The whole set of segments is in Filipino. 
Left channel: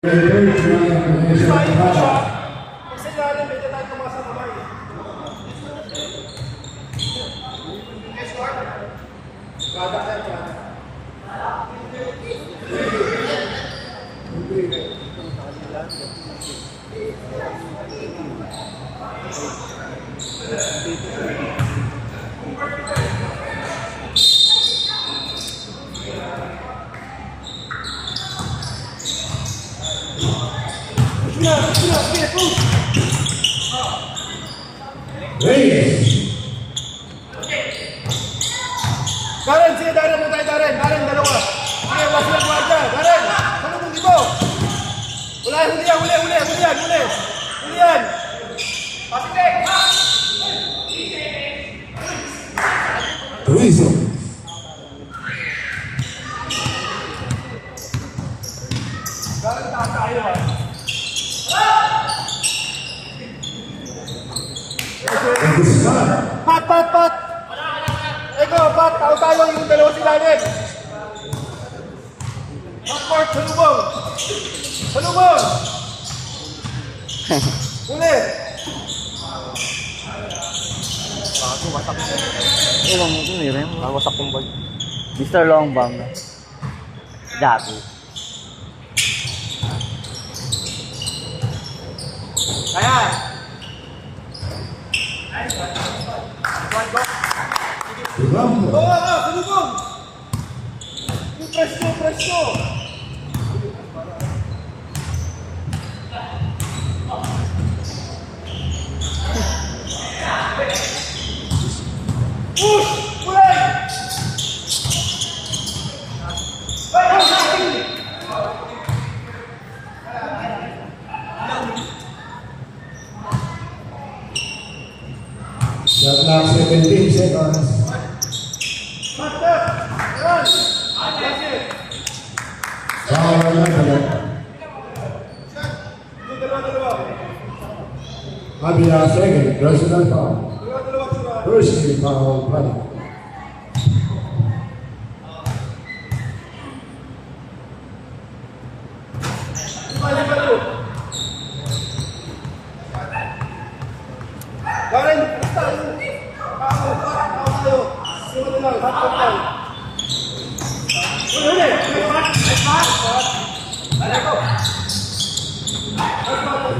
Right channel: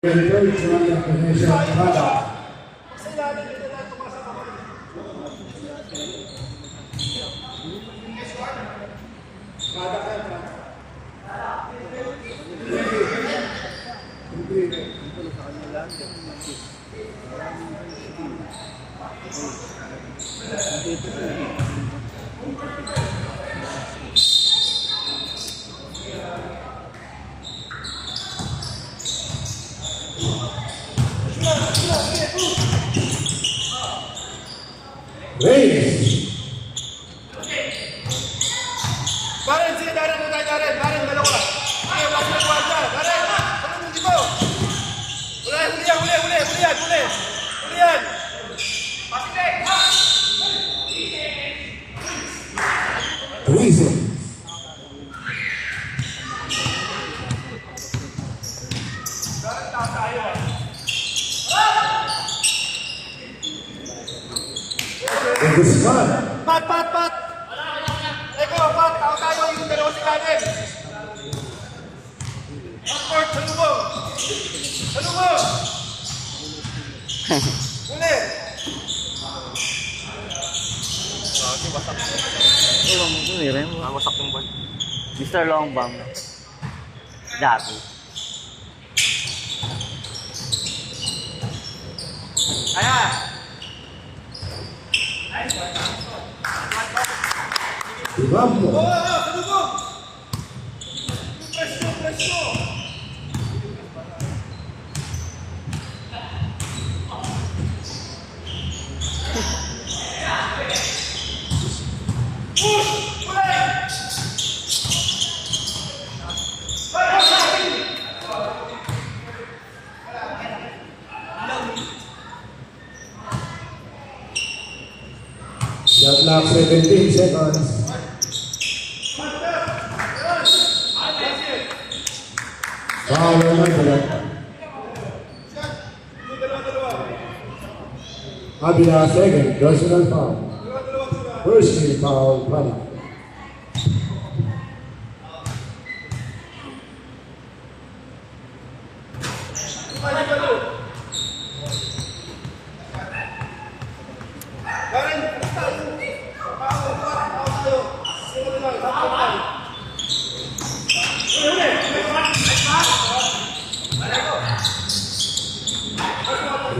Darren, sige Darren, tayo Darren, dalawa. Sige, basta mo dyan, Darren, ano mo dito? Wala, huli yan. Luis. Darren, taas tayo. Pat! Eko, Pat, tao tayo yung dalawa sila din. Pat, salubong! Uli! Ilang mo ito rin. Masak kong bag. Mr. Longbang. Dati. Kaya! Salubong! Presto! Shot clock 17 seconds. Foul number. Abila second, personal foul. First team foul, play.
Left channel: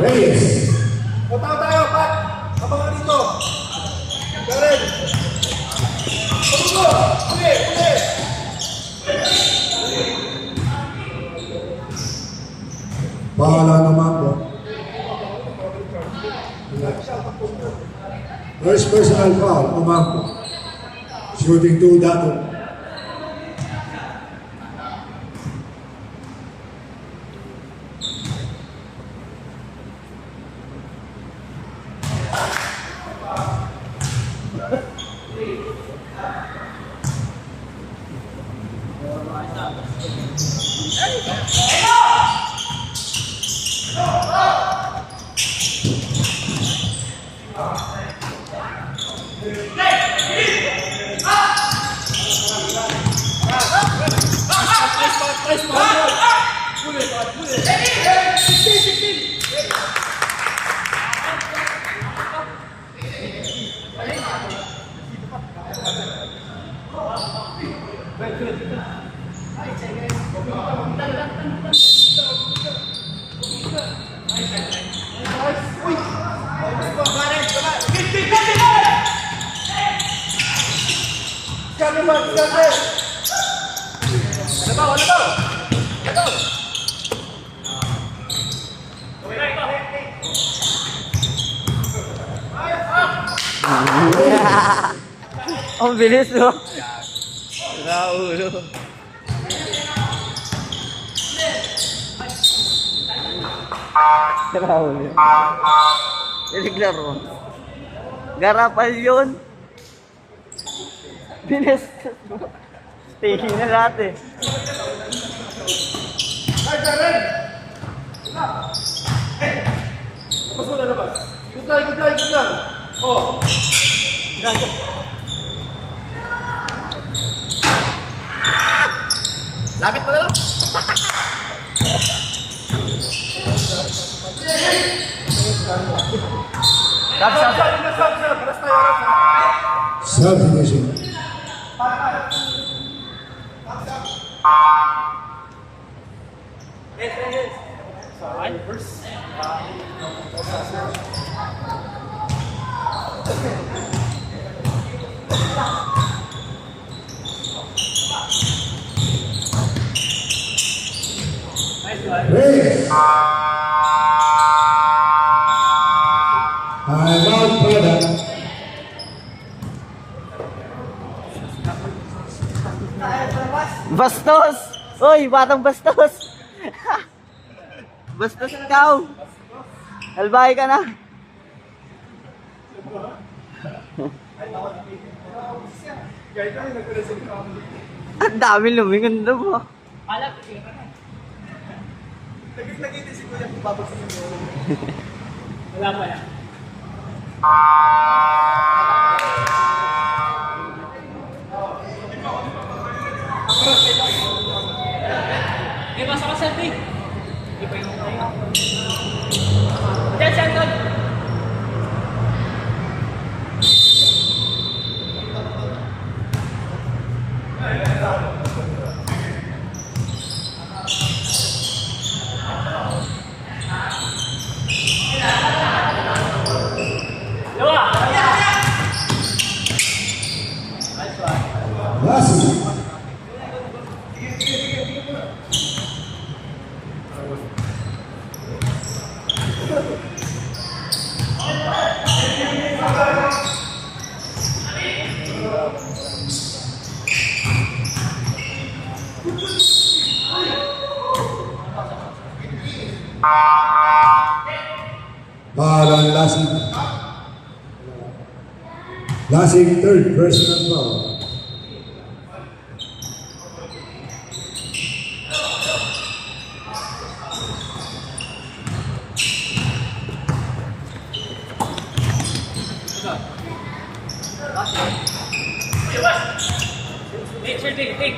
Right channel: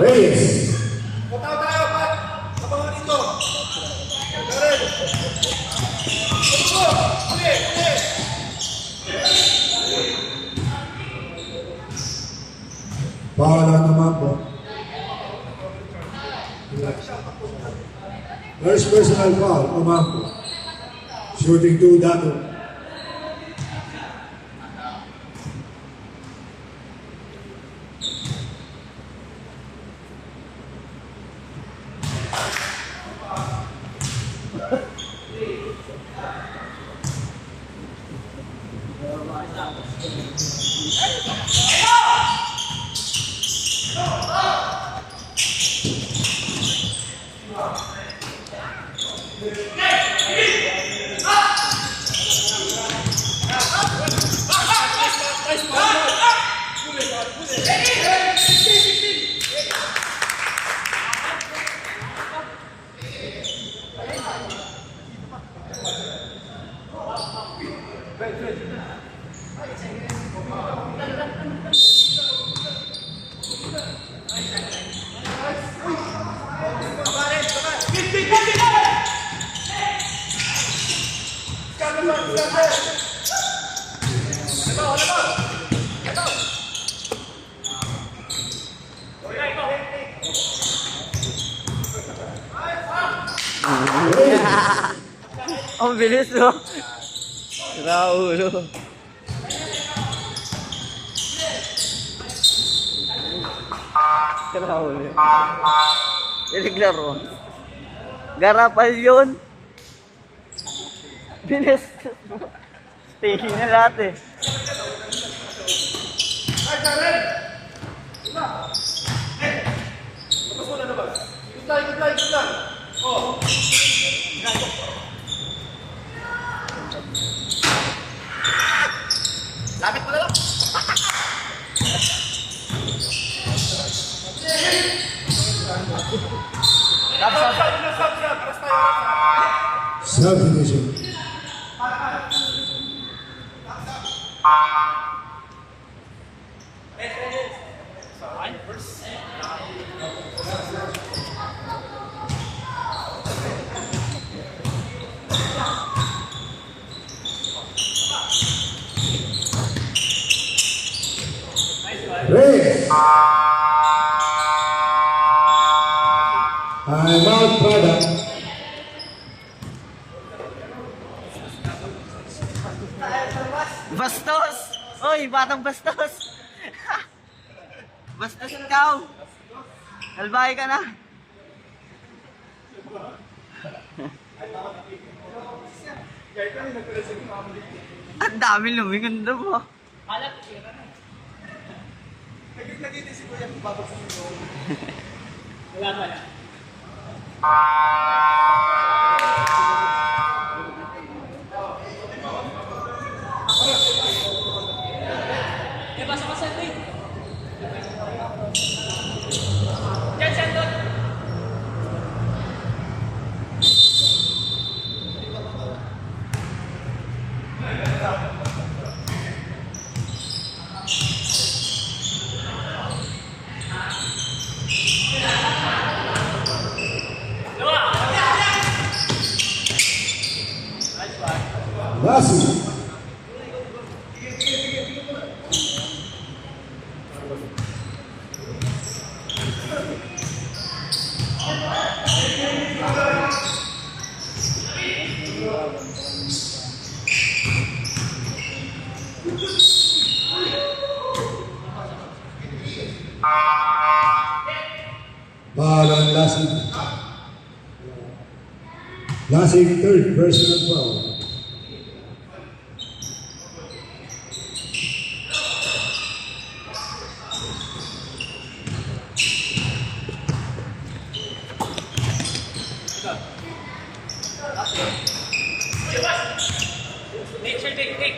Reyes. Matao tayo, Pat! Abangan dito! Darren! Salubong! Uli! Pahala naman po. First personal foul, Umangko. Shooting 2 dati. Ang bilis, no? Raulo. Raulo. Pinaglaro. Garapal yun. Bilis. Stay na lahat eh. Good lang. Oh. Lapit pa lang. Subdivision. Race. Now product. Bastos! Uy, batang bastos! Bastos ikaw! Albahay ka na! Ang dami lumingon doon mo. Nagkikita si Kuya, babagsak mo. Wala pa yan. Eh, basta ka selfie. Diyan, diyan, doon. Rasi. Parang Lasig. Lasig third personal foul.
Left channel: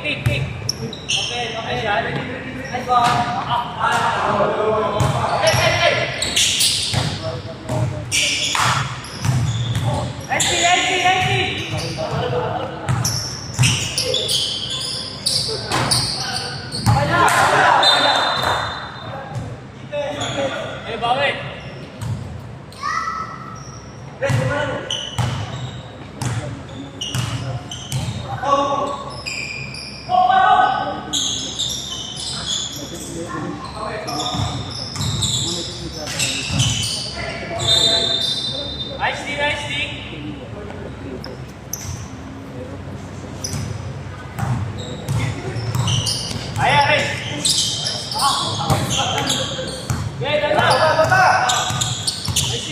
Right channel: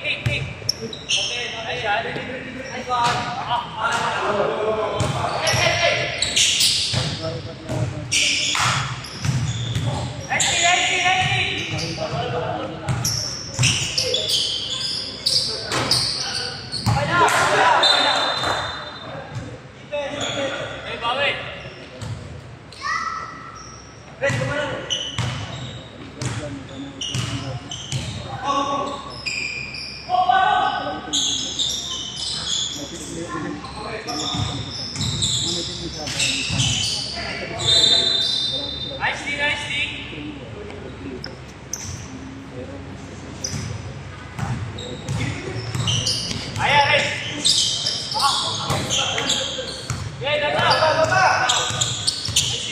Take. Okay, nice one. Eh, bawi. Nicely. Ayan, guys. Okay, ganda.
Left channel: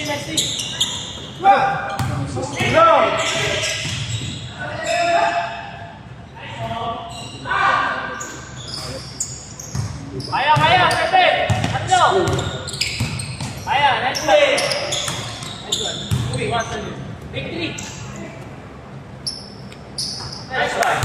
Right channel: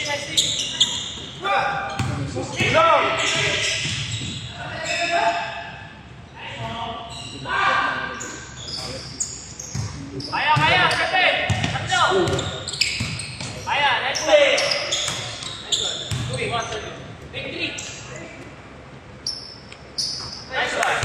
Nicely. Kaya, kate. Tatlo. Kaya, nice one. Uy, victory. Nice one.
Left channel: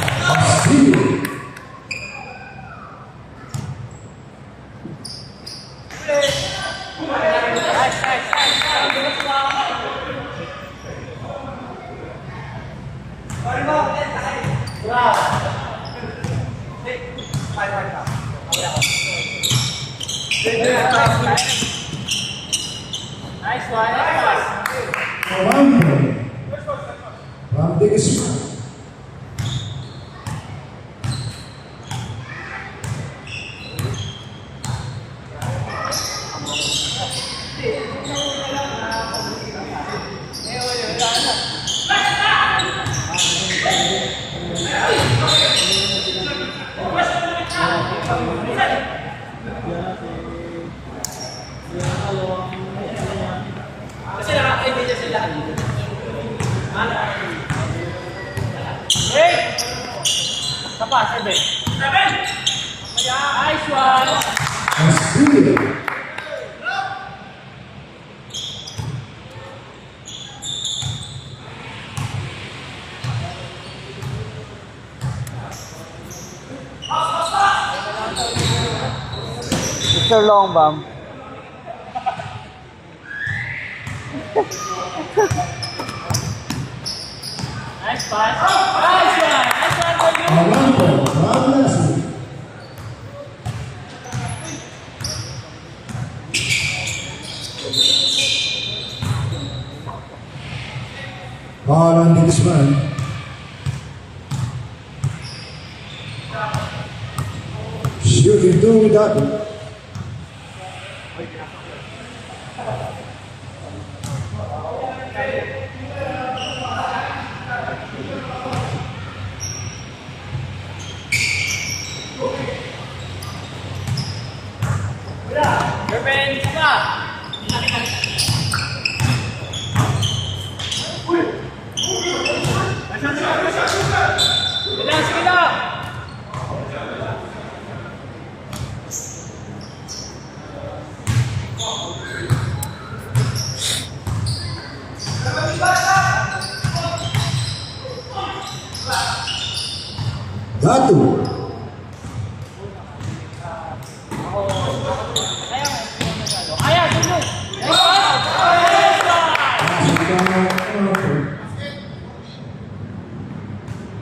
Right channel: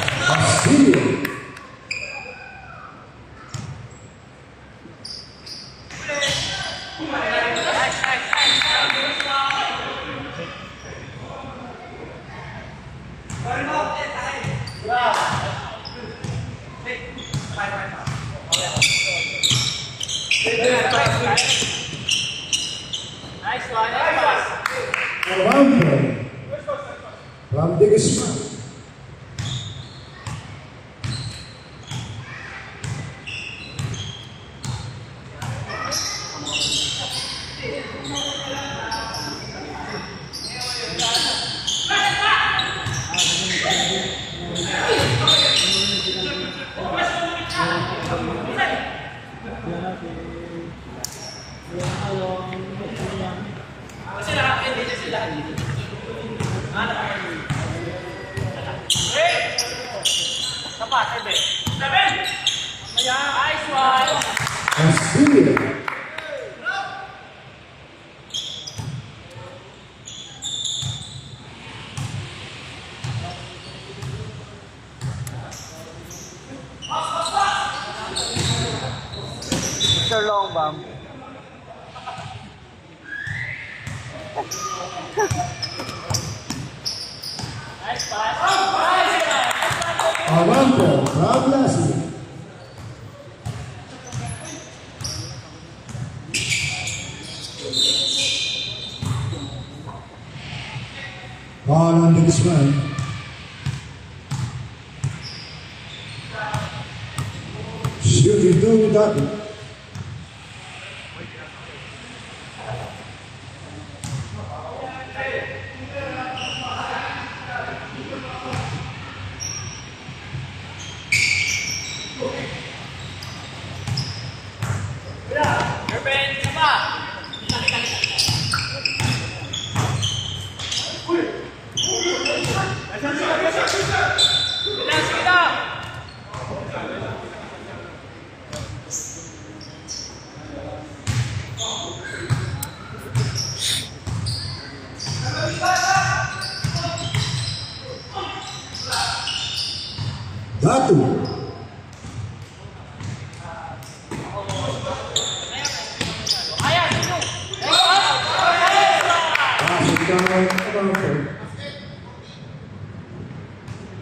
Nice one. One point. From this. Nice one. Australia. Mr. Longbam. Nice pass. Nice one. Arango, Fabiasi. Ball on the baseline. Shooting two without it. Ruben, saka. Sige na. Datu.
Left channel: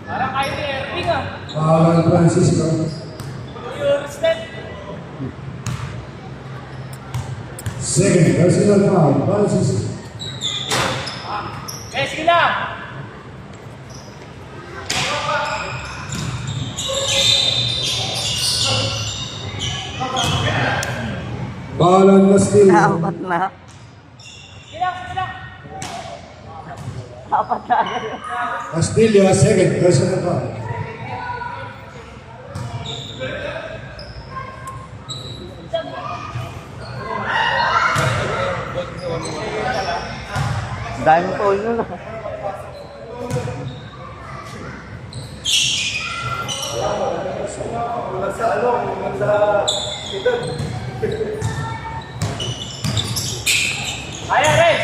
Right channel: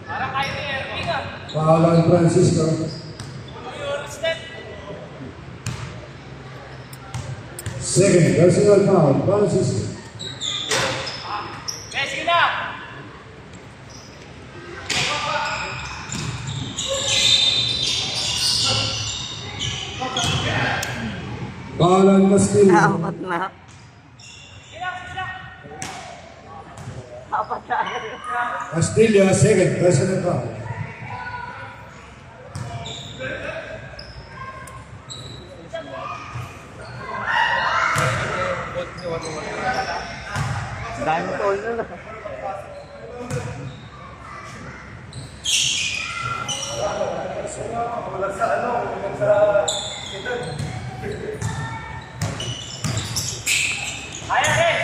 Parang kayo ni Erwin ah. Ball on Francisco. Yung step. Second personal foul, Francisco. Sige na. Ball on Castillo. Apat na. Sige na. Apat na. Castillo, second personal foul. Dahil mo na na. Kaya rin.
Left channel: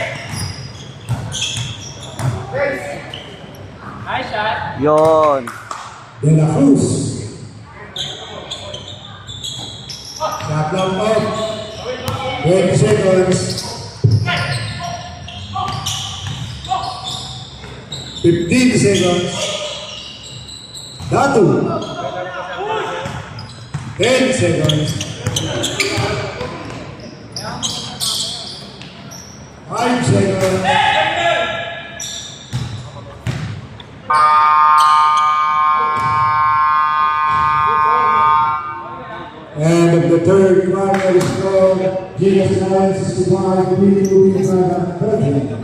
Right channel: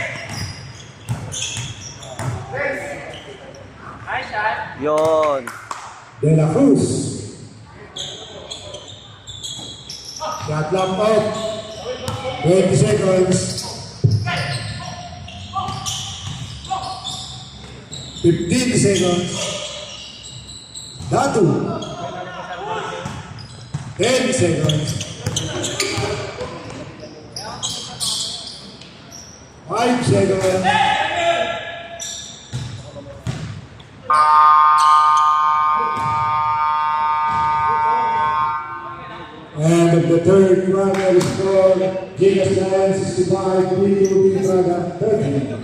Nice shot. Yun. De La Cruz. Shot lang 5. 20 seconds. 15 seconds. Datu. 10 seconds. 5 seconds. And of the third final score, Gigas Giants 65, BUB Braga 30.